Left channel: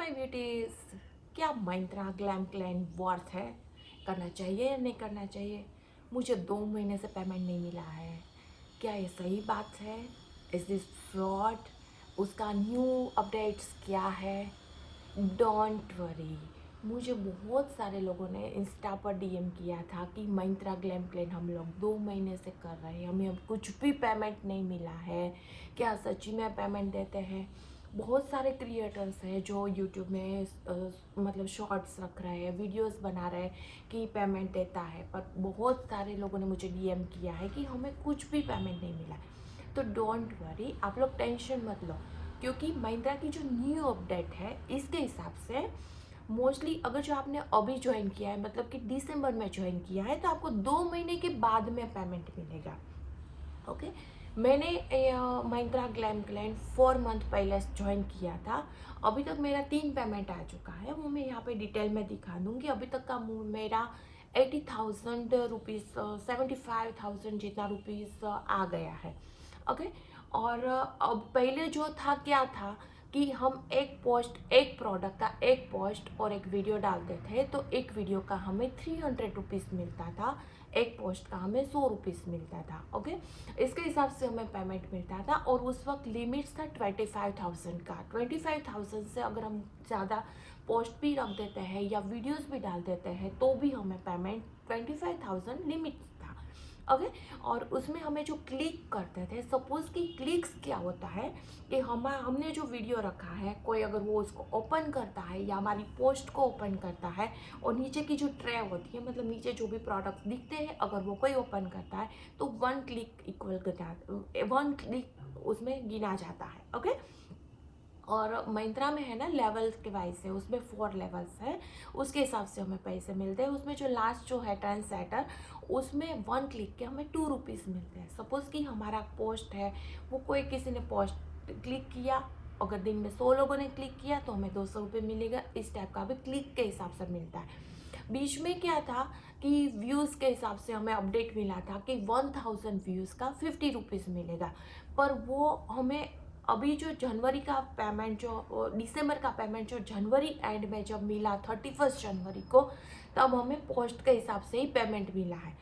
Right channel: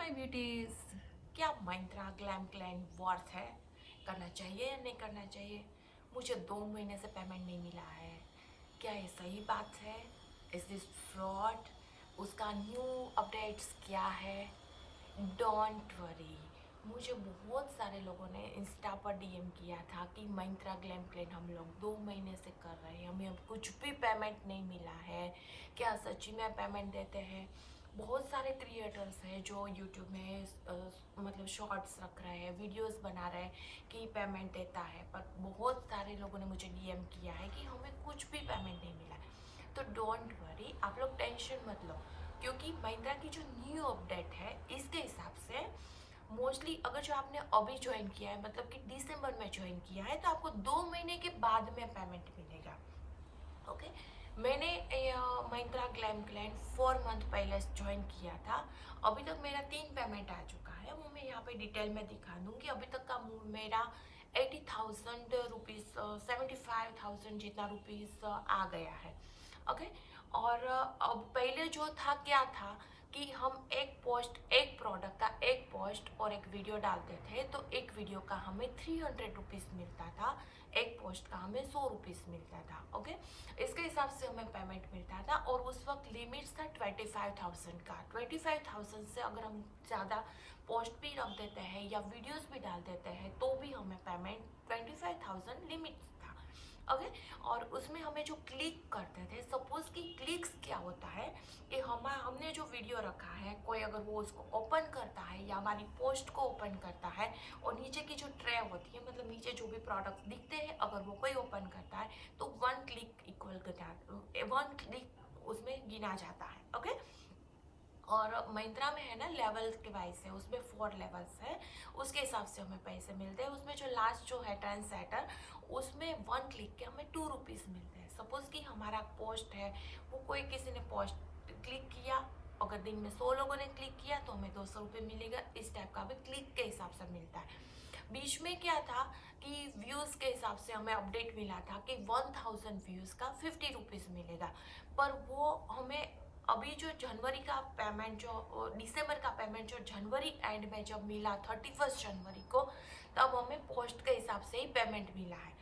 My beauties, क्या Myntra glam clan worth है? करना चाहिए या नहीं करना चाहिए? मुझे 2 महीने से पेमेंट नहीं मिला है। क्या ये सही बात है? Is this fraud? उसका न्यू अपडेट्स क्या है? Don't worry. मुझे बहुत सारे लोगों ने इंस्टा पर डीएम किया था कि Myntra ग्लैम क्लैन हम लोग 2 महीने से कर रहे हैं, हमें अब कुछ भी पेमेंट नहीं मिला है। क्या सच्ची में पेमेंट देते हैं? बहुत सारे क्रिएटर्स हैं जो यूट्यूब में मतलब शॉर्ट्स रख रहे हैं, वीडियोस बना रहे हैं कि पेमेंट देता है, पर बहुत सारे लोगों ने मुझे डीएम किया है कि हमें कुछ भी पेमेंट नहीं मिला है। तो डोंट वरी, आप लोग टेंशन मत लो, क्योंकि Myntra की जो न्यू अपडेट है इसके हिसाब से मोस्टली अगर जो आपने अभी ज्वाइन किया है, मतलब कि दिसंबर में ज्वाइन किया है, तो आपको 2 महीने के बाद में पेमेंट मिलेगा। ओके, मैंने Myntra ग्लैम क्लैन 4 मंथ पहले ज्वाइन किया था। अभी तक मेरा 3 पेमेंट आ चुका है, वो मैं यहाँ पे डिटेल में दिखा दूँगी। अभी तक का मेरा 80,000 रुपीज़, 75,000 जितना रुपीज़ आ गया है। ओके, और अब पहले जो था क्या था कि हम एक पोस्ट, एक प्रोडक्ट का एक पोस्ट और एक वीडियो डालते थे, तो एक वीडियो का हमें 300 रुपीज़ मिलता था, एक पोस्ट का हमें 100 रुपीज़ मिलता था। ओके, इसके हिसाब से हमें पेमेंट मिलता था, और उस वक्त लिमिट्स था 25,000 का। 25,000 से अगर हम ज़्यादा पोस्ट भी रख देते हैं या वीडियोस भी डाल देते हैं तो भी हमें पेमेंट 25,000 लिमिट था। ओके, और उसमें हमें जो क्लिक करते थे, सपोज कि क्लिक्स क्या होता है कि हमने जो वीडियो रखा है, कोई अगर वो उसको ओपन करता है या हमारी पोस्ट को ओपन करता है, और नीचे की जो ट्रे होती है, मतलब नीचे जो भी प्रोडक्ट दिखते हैं, अगर वो कोई ओपन करता है तो 1 क्लिक इक्वल 1 क्लिक उसमें गिना जाता है। ओके, और Myntra में है ना, लेवल के वाइज है, उसमें 4 लेवल्स है, उसके हिसाब से हमें पैसे मिलते हैं। उसमें जो लास्ट जो है टर्न सेटर, उसमें 1 क्लिक के हमें 2 रुपीज़ मिलते हैं। सपोज कि हमारा पोस्ट है, वो कोई किसी ने पोस्ट क्लिक किया, अगर दिन में 100 लोगों ने क्लिक किया तो हमें 200 रुपये मिलेगा। इस टाइप का भी क्लिक के हिसाब से मिलता है। बीच में क्या था कि व्यूज़ के हिसाब से हमें अपडेट मिला था कि 1000 व्यूज़ का 50 रुपीज़ मिलेगा, पर वो हमें अभी जो जनवरी का पेमेंट, जो दिसंबर का पेमेंट जो जनवरी एंड में जब मिला 31 जनवरी को, तब हमें पोस्ट के हिसाब से ही पेमेंट मिला है।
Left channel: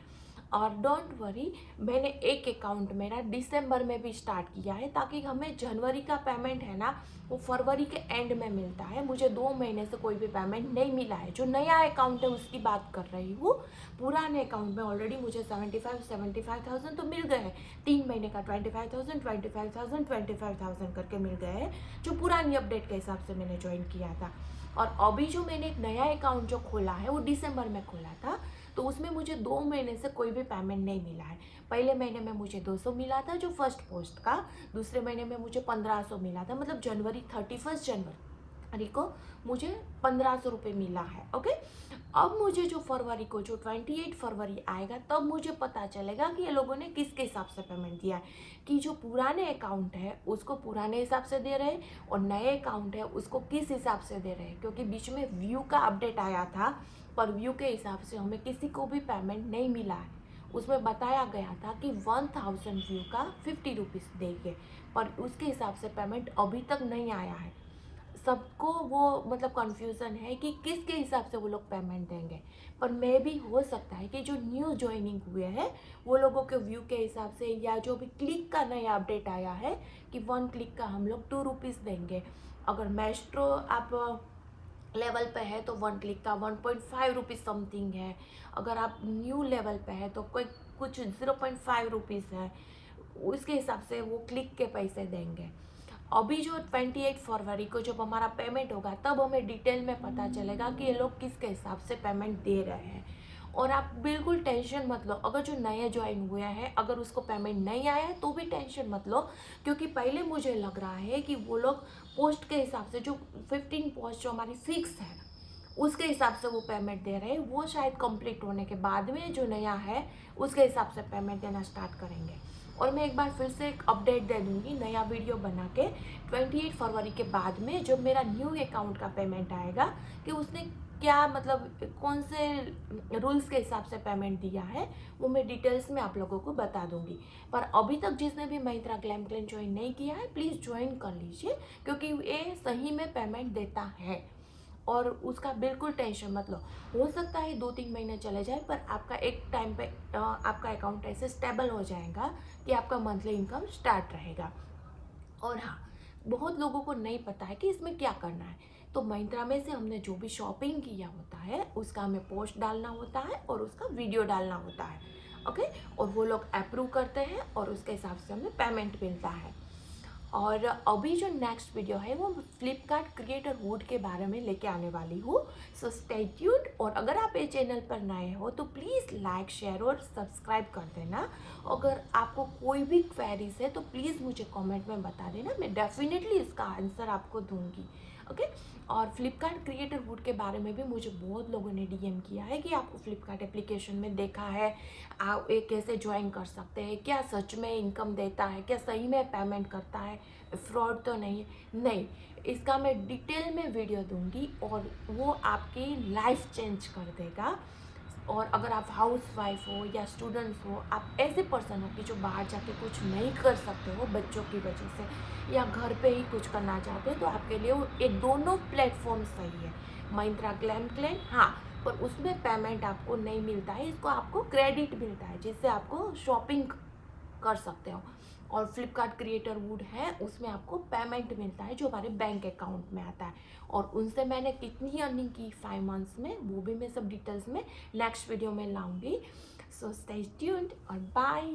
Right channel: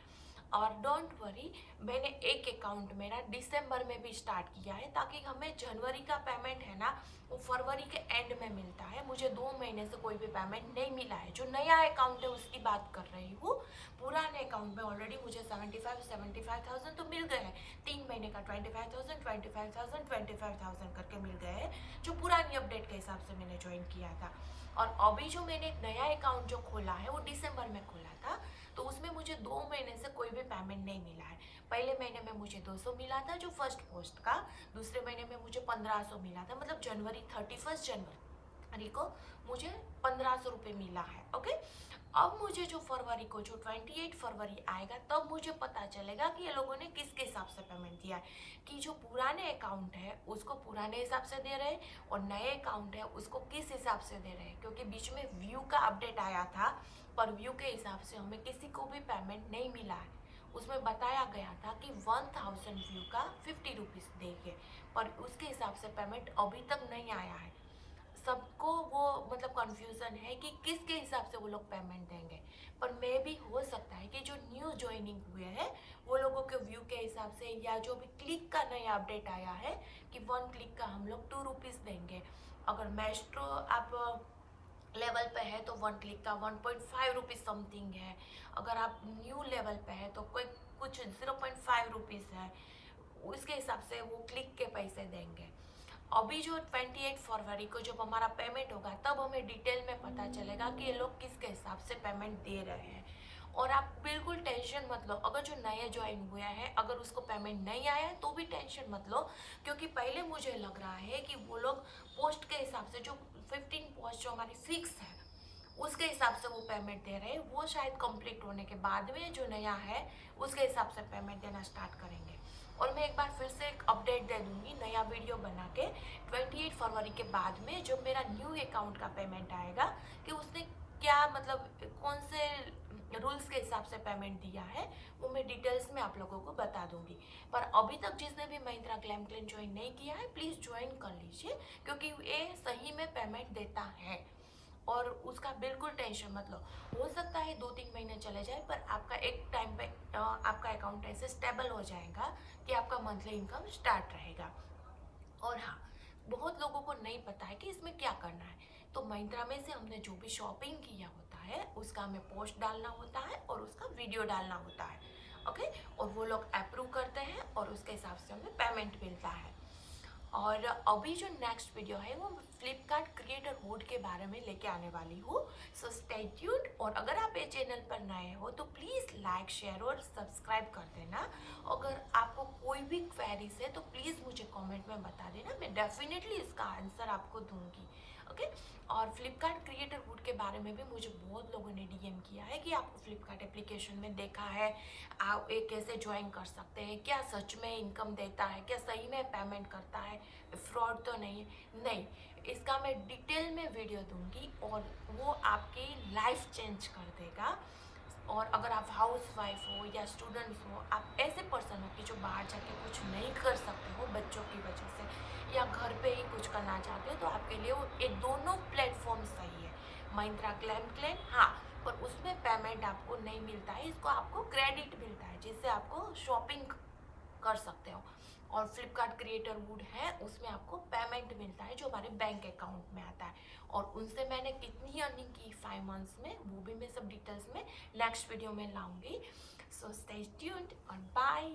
और डोंट वरी, मैंने एक अकाउंट मेरा दिसंबर में भी स्टार्ट किया है, ताकि हमें जनवरी का पेमेंट है ना, वो फरवरी के एंड में मिलता है। मुझे 2 महीने से कोई भी पेमेंट नहीं मिला है। जो नया अकाउंट है उसकी बात कर रही हूँ। पुराने अकाउंट में ऑलरेडी मुझे 75,000 तो मिल गए हैं। 3 महीने का 25,000 25,000 25,000 करके मिल गए हैं, जो पुरानी अपडेट के हिसाब से मैंने ज्वाइन किया था। और अभी जो मैंने एक नया अकाउंट जो खोला है, वो दिसंबर में खोला था, तो उसमें मुझे 2 महीने से कोई भी पेमेंट नहीं मिला है। पहले महीने में मुझे 200 मिला था जो फर्स्ट पोस्ट का, दूसरे महीने में मुझे 1500 मिला था, मतलब जनवरी 31 जनवरी को मुझे 1500 रुपये मिला है। ओके, अब मुझे जो फरवरी को, जो 28 फरवरी आएगा, तब मुझे पता चलेगा कि ये लोगों ने किसके हिसाब से पेमेंट दिया है। कि जो पुराने अकाउंट है उसको पुराने हिसाब से दे रहे हैं, और नए अकाउंट है उसको किस हिसाब से दे रहे हैं, क्योंकि बीच में व्यू का अपडेट आया था, पर व्यू के हिसाब से हमें किसी को भी पेमेंट नहीं मिला है। उसमें बताया गया था कि 1000 व्यू का 50 रुपीज़ देंगे, पर उसके हिसाब से पेमेंट अभी तक नहीं आया है। सबको वो मतलब कंफ्यूजन है कि किसके हिसाब से वो लोग पेमेंट देंगे। पर मे भी हो सकता है कि जो न्यू ज्वाइनिंग हुए हैं वो लोगों के व्यू के हिसाब से, या जो भी क्लिक का नया अपडेट आया है कि 1 क्लिक का हम लोग 2 रुपीज़ देंगे। अगर मेस्ट्रो आप लेवल पे है तो 1 क्लिक का 1.5 रुपीज़ समथिंग है। अगर आप न्यू लेवल पे है तो कोई कुछ 0.5 रुपीज़ है। उसके हिसाब से वो क्लिक के पैसे देंगे। अभी जो 28 फरवरी को जब हमारा पेमेंट होगा, तब हमें डिटेल में पता चलेगा कि ये लोग किसके हिसाब से पेमेंट दे रहे हैं। और आप बिल्कुल टेंशन मत लो, अगर जो नए ज्वाइन हुए हैं अगर उसको पेमेंट नहीं आया है तो भी टेंशन मत लो, क्योंकि पहले मुझे लग रहा है कि वो लोग पोस्ट के हिसाब से, जो 15 पोस्ट जो हमारी फिक्स है उसके हिसाब से वो पेमेंट दे रहे हैं। वो शायद कंप्लीट होने के बाद में जो नया है उसके हिसाब से पेमेंट देना स्टार्ट करेंगे। और मैं एक बार फिर से एक अपडेट दे दूंगी नया वीडियो बना के 28 फरवरी के बाद में, जब मेरा न्यू अकाउंट का पेमेंट आएगा कि उसने क्या मतलब कौन से रूल्स के हिसाब से पेमेंट दिया है वो मैं डिटेल्स में आप लोगों को बता दूंगी। पर अभी तक जिसने भी महिंद्रा ग्लैम क्लेन ज्वाइन नहीं किया है प्लीज़ ज्वाइन कर लीजिए, क्योंकि ये सही में पेमेंट देता है और उसका बिल्कुल टेंशन मत लो। हो सकता है 2-3 महीने चले जाए, पर आपका एक टाइम पे आपका अकाउंट ऐसे स्टेबल हो जाएगा कि आपका मंथली इनकम स्टार्ट रहेगा। और हाँ, बहुत लोगों को नहीं पता है कि इसमें क्या करना है। तो महिंद्रा में से हमने जो भी शॉपिंग किया होता है उसका हमें पोस्ट डालना होता है और उसका वीडियो डालना होता है। ओके, और वो लोग अप्रूव करते हैं और उसके हिसाब से हमें पेमेंट मिलता है। और अभी जो नेक्स्ट वीडियो है वो फ्लिपकार्ट क्रिएटर वुड के बारे में लेके आने वाली हूँ। So stay tuned. और अगर आप ये चैनल पर नए हो तो प्लीज़ लाइक शेयर और सब्सक्राइब कर देना। अगर आपको कोई भी क्वेरीज है तो प्लीज़ मुझे कमेंट में बता देना, मैं डेफिनेटली इसका आंसर आपको दूंगी। ओके, और फ्लिपकार्ट क्रिएटर वुड के बारे में भी मुझे बहुत लोगों ने डीएम किया है कि आपको फ्लिपकार्ट एप्लीकेशन में देखा है, आप ये कैसे ज्वाइन कर सकते हैं, क्या सच में इनकम देता है, क्या सही में पेमेंट करता है, फ्रॉड तो नहीं है। नहीं, इसका मैं डिटेल में वीडियो दूंगी और वो आपकी लाइफ चेंज कर देगा। और अगर आप हाउस वाइफ हो या स्टूडेंट्स हो, आप ऐसे पर्सन हो कि जो बाहर जाके कुछ नहीं कर सकते हो बच्चों की वजह से, या घर पे ही कुछ करना चाहते हो, तो आपके लिए वो ये दोनों प्लेटफॉर्म सही है। महिंद्रा ग्लैम क्लेन, हाँ, पर उसमें पेमेंट आपको नहीं मिलता है, इसको आपको क्रेडिट मिलता है जिससे आपको शॉपिंग कर सकते हो। और फ्लिपकार्ट क्रिएटर वुड है, उसमें आपको पेमेंट मिलता है जो हमारे बैंक अकाउंट में आता है। और उनसे मैंने कितनी अर्निंग की 5 मंथ्स में वो भी मैं सब डिटेल्स में नेक्स्ट वीडियो में लाऊंगी। सो स्टे ट्यून्ड और बाय।